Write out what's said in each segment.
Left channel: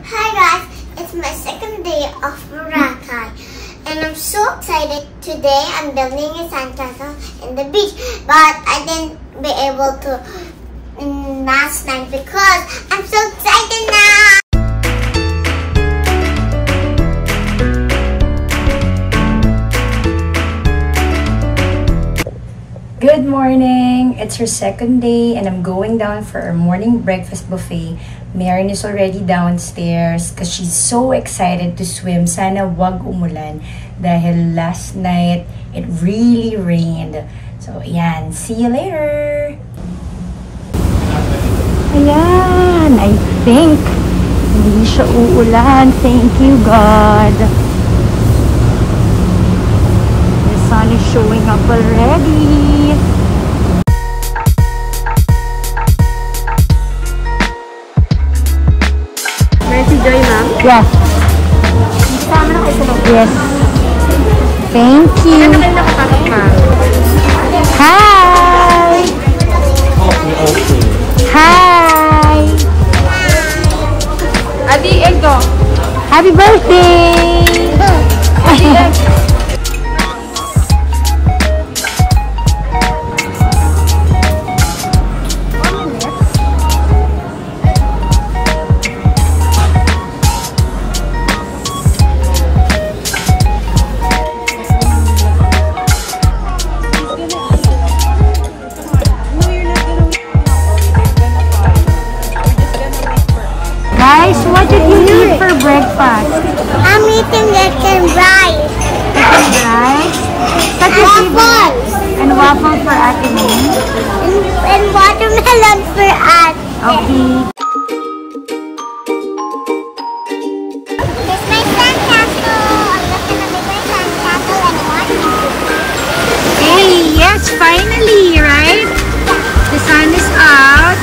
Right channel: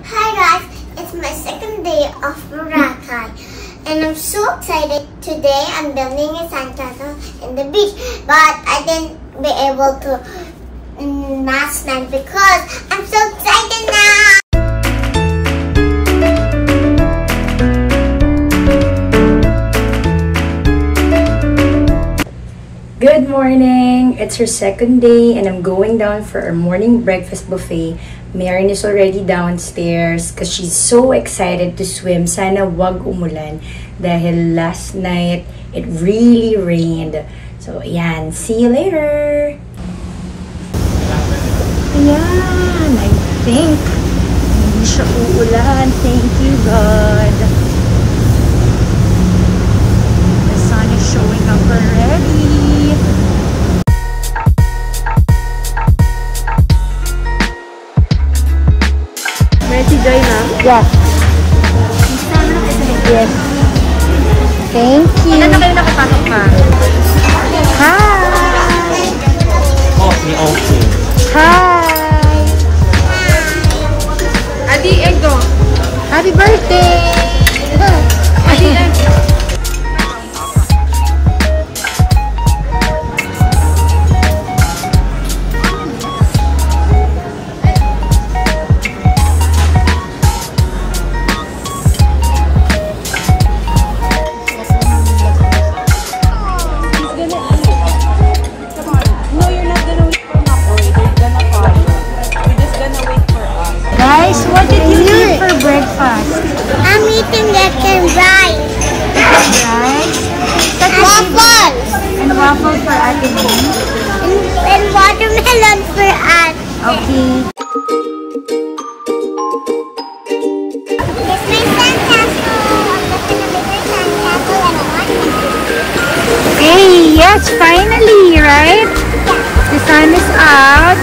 Hi guys, it's my second day of Boracay and I'm so excited. Today I'm building a sandcastle in the beach, but I didn't be able to last night because I'm so excited now. Good morning! It's our second day and I'm going down for our morning breakfast buffet. Maren is already downstairs because she's so excited to swim. Sana wag umulan dahil last night it really rained. So, ayan. See you later! Ayan! I think hindi siya uulan. Thank you, God! The sun is showing up already. Si Joy, ma'am? Yes. Sama na kayo sa yes. Thank you. Ilan na kayo nakapasok, ma'am? Hi! Okay. Hi! Adi, Ego. Happy birthday! Guys, what did you eat for breakfast? I'm eating egg and rice. Rice? Waffles. And waffle for Ate May? And watermelon for us. Okay. It's my sandcastle. I'm just gonna make my sandcastle and watch. Hey, yes, finally, right? The sun is out.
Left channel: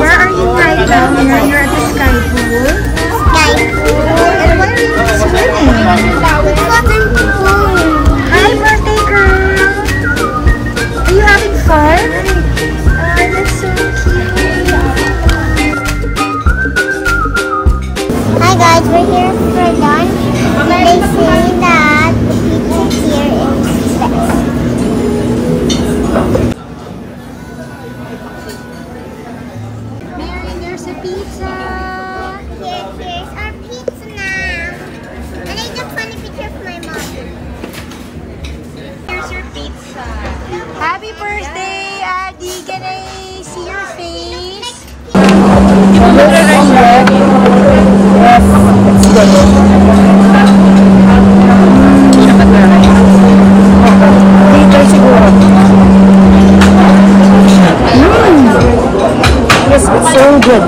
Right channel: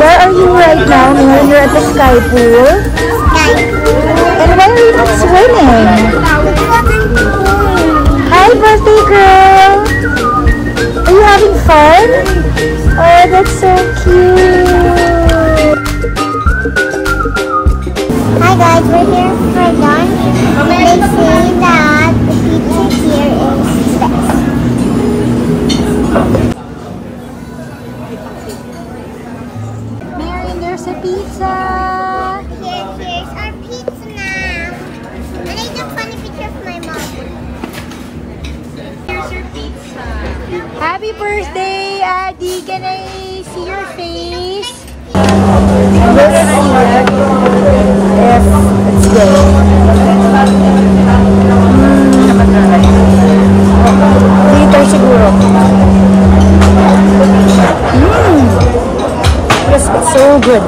Where are you right now? You're at the sky pool. And why are you not swimming? Hi, birthday girl! Are you having fun? Oh, that's so cute! Hi guys, we're here for lunch. They say that the pizza here is best. Mary, there's a pizza! Here's our pizza now. And I took funny picture of my mom. Here's your pizza. Happy birthday, Adi! Can I see your face? Yes, it's good. Later siguro. Yes, it's so good.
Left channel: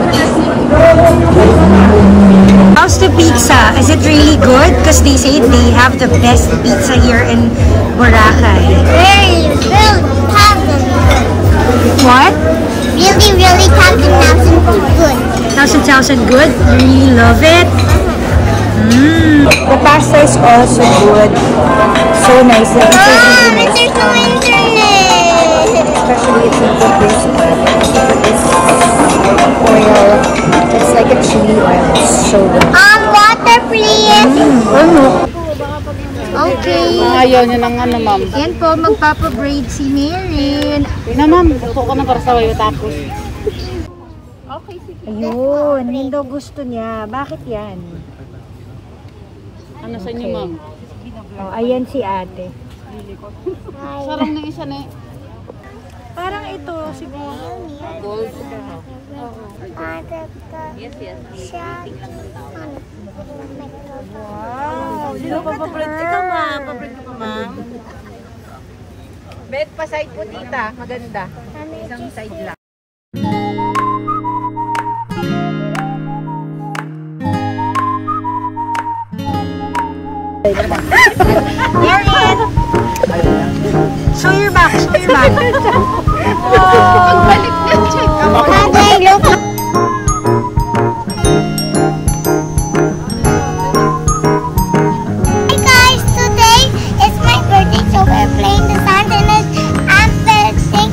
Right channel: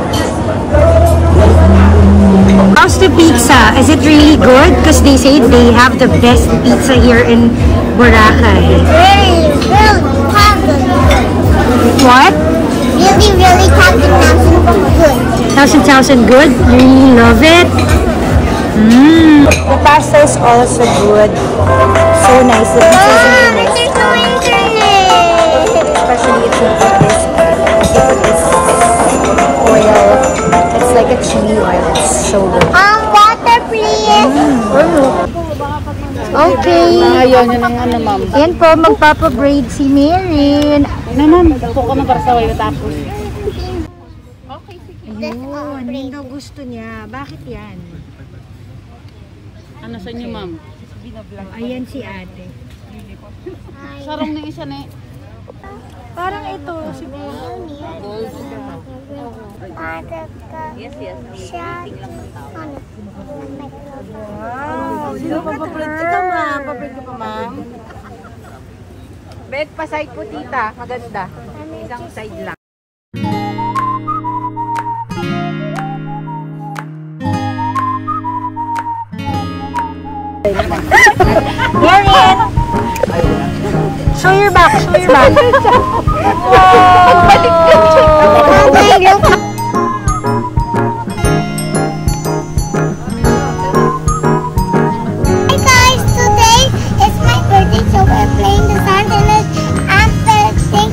How's the pizza? Is it really good? Because they say they have the best pizza here in Boracay. Really What? really Thousand good? You really love it? The pasta is also good. So nice. The pizza is really nice. Especially if you put this oil. It's like a chili oil. It's so good. Water please. Okay. Ayaw niya ng ano, ma'am. Yan po, magpapabraid si Maren. Na, ma'am. Ito ko na para sa wayo tapos. Yun, yun daw gusto niya. Bakit yan? Ano sa inyo, ma'am? Oh, ayan si ate. Sarong ng isa na Parang ito, siguro. gold. Yes, yes. Wow, Sino pa papalit? Ikaw, ma'am. Papalit ka pa, ma'am? Bet pa side po, tita. Maganda. Isang side lang. Wear it! Show your back, show your back. Hi guys, today is my birthday, so we're playing the sound and I'm building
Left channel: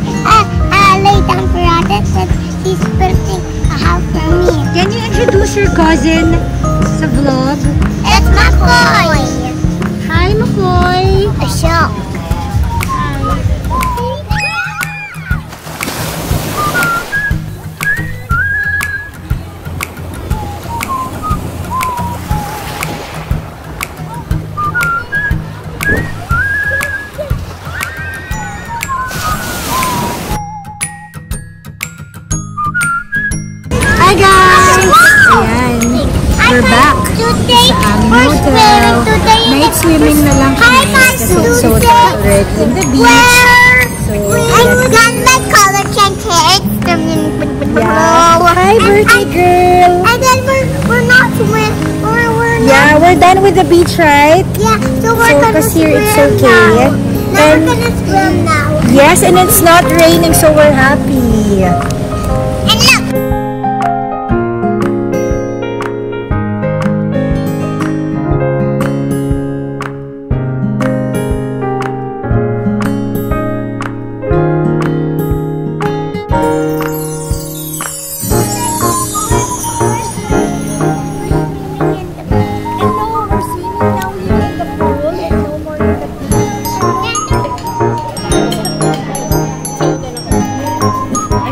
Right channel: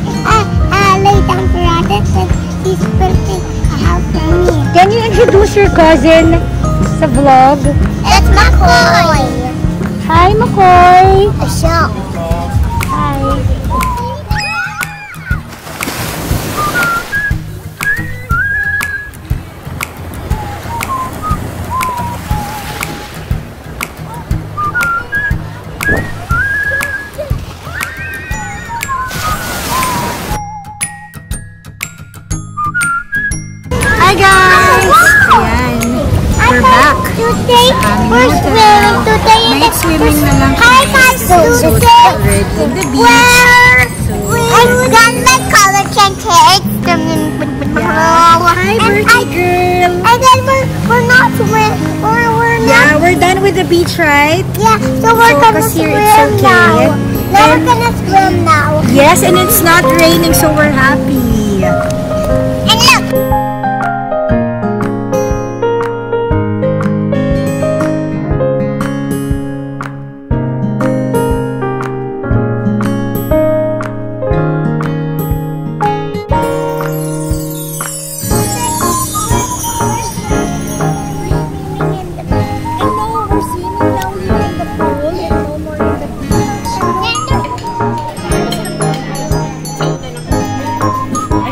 lay down for Radit since he's building a house for me. Can you introduce your cousin sa vlog? It's McCoy. Hi, McCoy! A show. Hi guys! Ayan, we're back sa aming hotel. Night swimming na lang kami kasi it's so hot already in the beach. So, I've got my college and cake. yeah. Hi, birthday girl! And then we're not swim. Yeah, we're done with the beach, right? Yeah, so we're So, gonna because here swim it's okay. now. Now we're And gonna swim now. yes, and it's not raining, so we're happy. And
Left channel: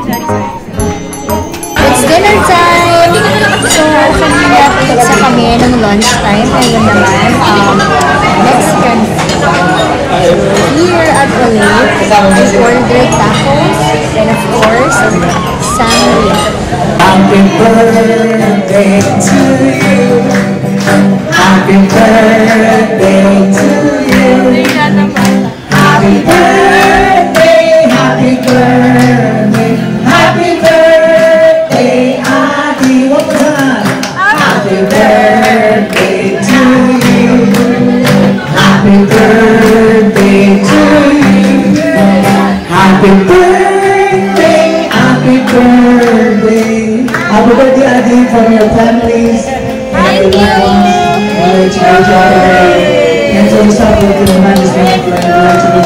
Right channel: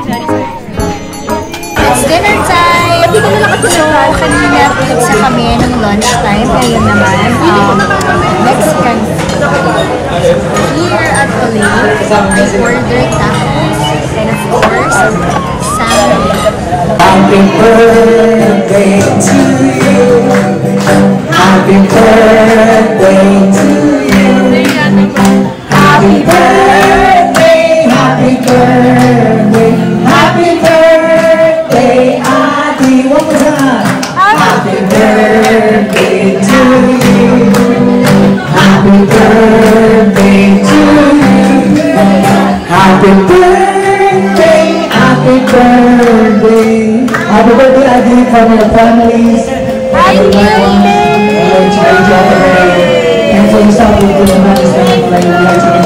look. It's dinner time! So, kanina pizza kami nung lunchtime. Ayun naman, Mexican food. So, here at Olay, I ordered tacos and of course, sangria. Happy birthday to you. Happy birthday to you. Happy birthday, happy birthday, happy birthday, Adi Waka. Happy birthday to you. Happy birthday to you. Happy birthday, happy birthday. Happy birthday, Adi, from your families. Happy birthday. And so we start with the man's name.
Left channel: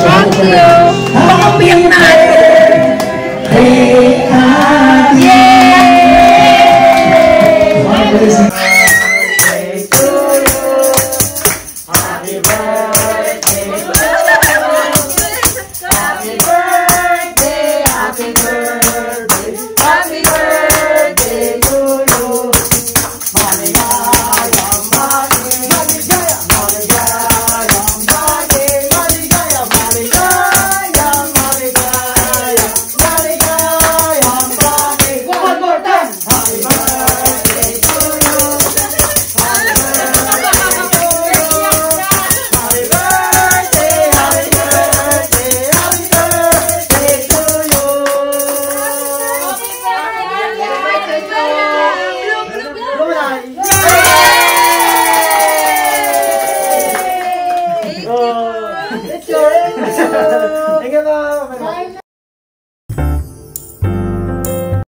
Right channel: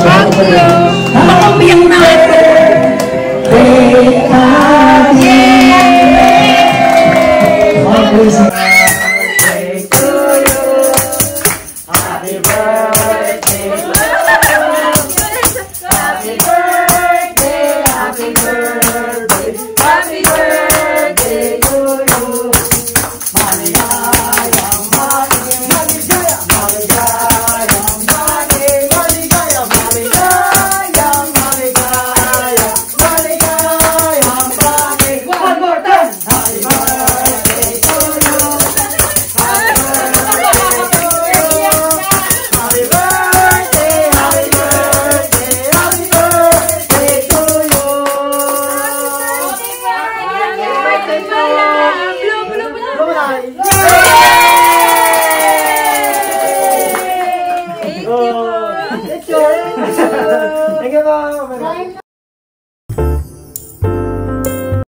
Happy birthday, Adi. Thank you, Mom.